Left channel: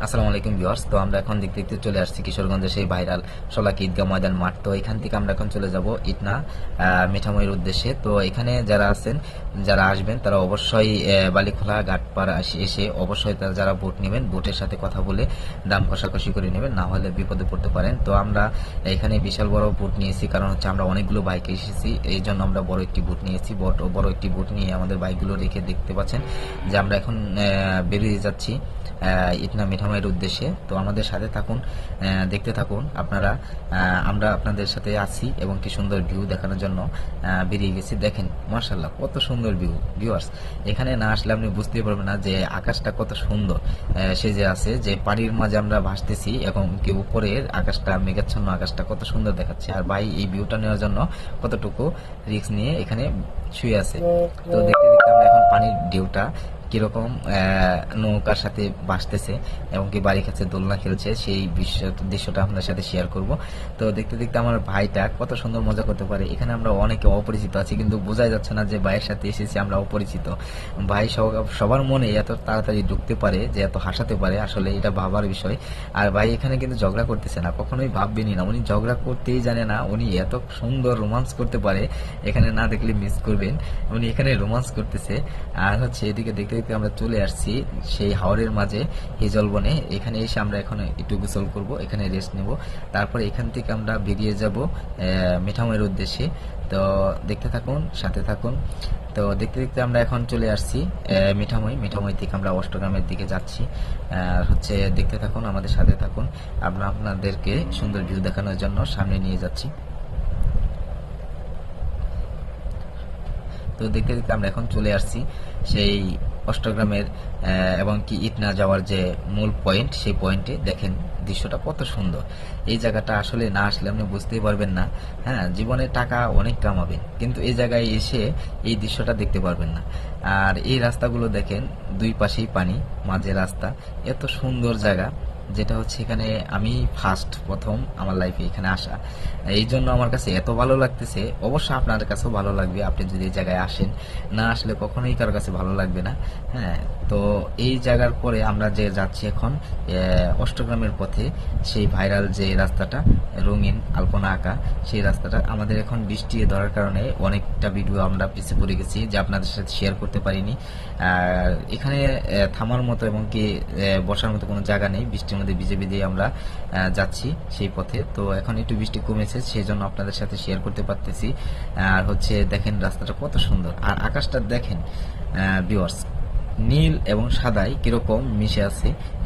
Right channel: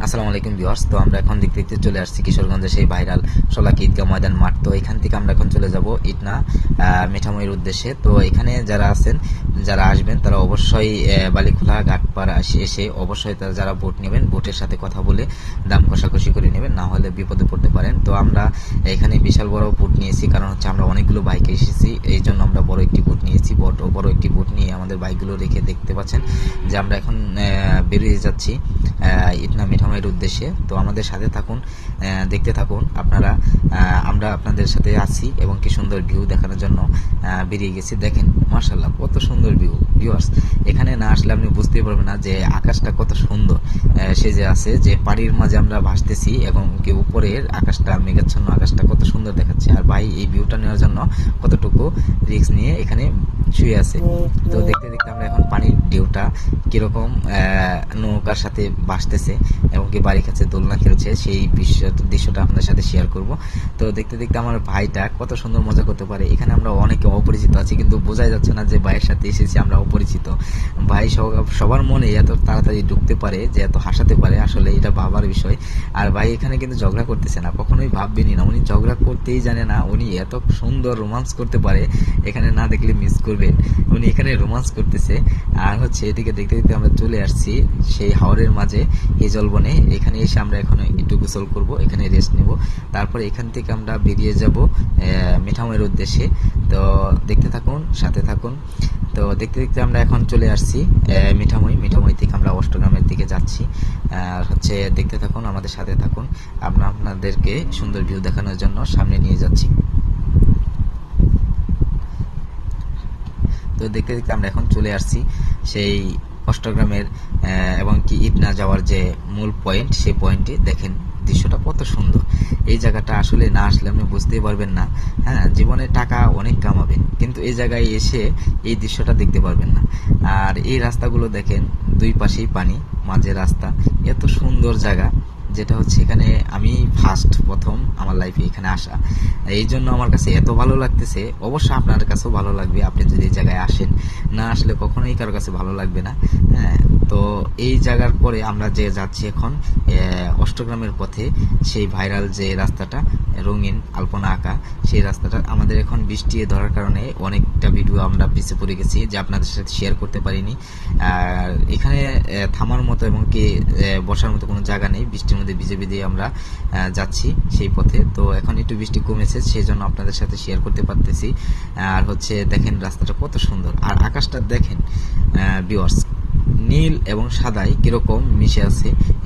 আসসালামু আলাইকুম ভিউয়ার্স। তো আমরা এখন দেখতে দেখতে চলে আসছি কিশোরগঞ্জের সেই ভাইরাল শোলাকি ঈদগাহ ময়দান মাঠ। তো এখান থেকে আমরা এখন চলে যাব ইটনা মিঠামইর উদ্দেশ্যে। তো এখানে যারা আসবেন তারা অবশ্যই বালিখোলা ঘাটপাড় এসে অবশ্যই তারা যারা ভোট নেবেন ভোটের সাথে কথা বলে দাম কষাকষি করে নেবেন, না হলে বিপদে পড়তে পারেন। তো আমরা এখানে বিশাল বড় ভোট নিয়েছি, কারণ হচ্ছে আমরা অনেকগুলো বাইকে এসেছি, এই জন্য আমরা বড় একটি ভোট নিয়েছি। বড় একটি ভোট নিয়ে আমাদের বাইকগুলো রেখে দেখতে পাচ্ছেন যে আমরা এখন বেরিয়ে যাচ্ছি ইটনা মিঠামইয়ের উদ্দেশ্যে। তো আমাদের সাথে থাকুন, দেখতে থাকুন আপনারা। আমরা আপনাদের সাথে আছি এবং কি সুন্দর ভিউ দেখানোর জন্য বেরিয়ে গেছি। দেখেন মাশাআল্লাহ কত সুন্দর ভিউ ভিউয়ার্স। এখানে না আসলে আপনি বুঝতেই পারবেন না যে আকাশটা কত সুন্দর সেজে আছে, যে পানির মাঝে আমরা ভাসতেছি এবং কি উপরের আকাশটা মেঘাচ্ছন্ন, আকাশটা কত সুন্দর দেখাচ্ছে। আর ভাই এই ভিউটা নেওয়ার জন্য কতটুকু রিস্ক নিয়ে এখানে শুয়ে আছে। তো দেখতে দেখতে আমরা এখন পানির ঢেউটা কিরকম নৌকার সাথে ভাসতেছে এবং কি বাড়ি কাছে দোলনা খেলছে সেই দৃশ্যটা আপনার সাথে শেয়ার করব। তো দেখতে দেখতে আমার ভাইটা কত সুন্দর মজা করতে পারে। এখানে আমরা অনেকে অপরিচিত আছি, কিন্তু বোঝাই যাচ্ছে না যে ভাইয়ের সাথে এসেছি আমরা অপরিচিত। ভাই সবার মনে এত তাড়াতাড়ি ঢুকতে পারে, যে এত হাসাতে পারে, আসলে এটা ভাবার বিষয়। আর ভাই এখানে কিন্তু ঝগড়া করতেছে না, কখনোই ভাববেনই না উনি ঝগড়া করতেই জানে না। উনি এত সুন্দর রোমান্স করতে পারে, এখানে না দেখলে মিস করবেন। উনি এখানে রোমান্স করতেছে। আর হচ্ছে এদিকে দেখতে দেখতে আমরা চলে আসছি সেই হাওরের মাঝে হিজলবনে। এখানে এসে আমরা এখন একটু গোসল করব, এখানে রেস্ট নেব, তারপর এখান থেকে আমরা বেরিয়ে যাব মিঠামইয়ের উদ্দেশ্যে। তো দেখতে থাকুন, সাথে থাকুন। তো দেখতে দেখতে আমরা এখন চলে আসছি মিঠামই থেকে আমরা অষ্টগ্রামের দিকে যাচ্ছি। আর হচ্ছে দেখতে থাকুন, আমাদের সাথে থাকুন। আমরা আপনাদেরকে সুন্দর ভিউ দেখানোর জন্য সামনে নিয়ে যাচ্ছি। তো দেখতে দেখতে আমরা এখন চলে আসছি সেই অষ্টগ্রামের এবং কি ইটনা যাওয়ার যে মূল পয়েন্ট, সেই পয়েন্টে দেখেন দৃশ্যটা কত সুন্দর। এই জায়গাটা আসলে না আসলে আপনি বুঝতেই পারবেন না। হ্যাঁ, জীবনে টাকা অনেক কামাবেন, কিন্তু এই জায়গায় এসে এই দৃশ্যটা দেখতে পারবেন না। আর এই রাস্তাগুলো দেখেন, দুই পাশেই পানি, মাঝে রাস্তা, এত সুন্দর জায়গা, যেটা হচ্ছে এখানে আমি প্রথম আমার লাইফে এখানে আসা। এই জন্য আমার কাছে এত ভালো লাগতেছে। অবশ্য আপনার কাছেও ভালো লাগবে আপনি যদি এই জায়গায় আসেন, না আসলে কখনোই কারো কাছে ভালো লাগবে না। হ্যাঁ, তো এই জায়গার পরে আমরা যে যাচ্ছি এখন অষ্টগ্রামের পথে, সেই ভাইরাল যে রাস্তাটা রঙিন আলপনা আঁকা, সেই রাস্তাটা আমাদের এখন বৃষ্টি ধরার কারণে অনেকটা ভিডিও আমরা পিছিয়ে পড়ে গেছি, যে আপনাদের সাথে শেয়ার করতে পারিনি। আর এখানে থামার মতো এবং কি বসার মতো কোনো জায়গা নেই, বৃষ্টির মধ্যে ভিজে ভিজে আমরা যাচ্ছি সেই পথে। তো এখন একটু বৃষ্টি কমেছে, সেই জন্য আপনাদের সাথে শেয়ার করতে পারতেছি। আর হচ্ছে দেখেন রাস্তাটা কত সুন্দর, আর আকাশটা দেখেন ভিউয়ার্স, নীল এবং সাদায় কিরকম মিশে আছে।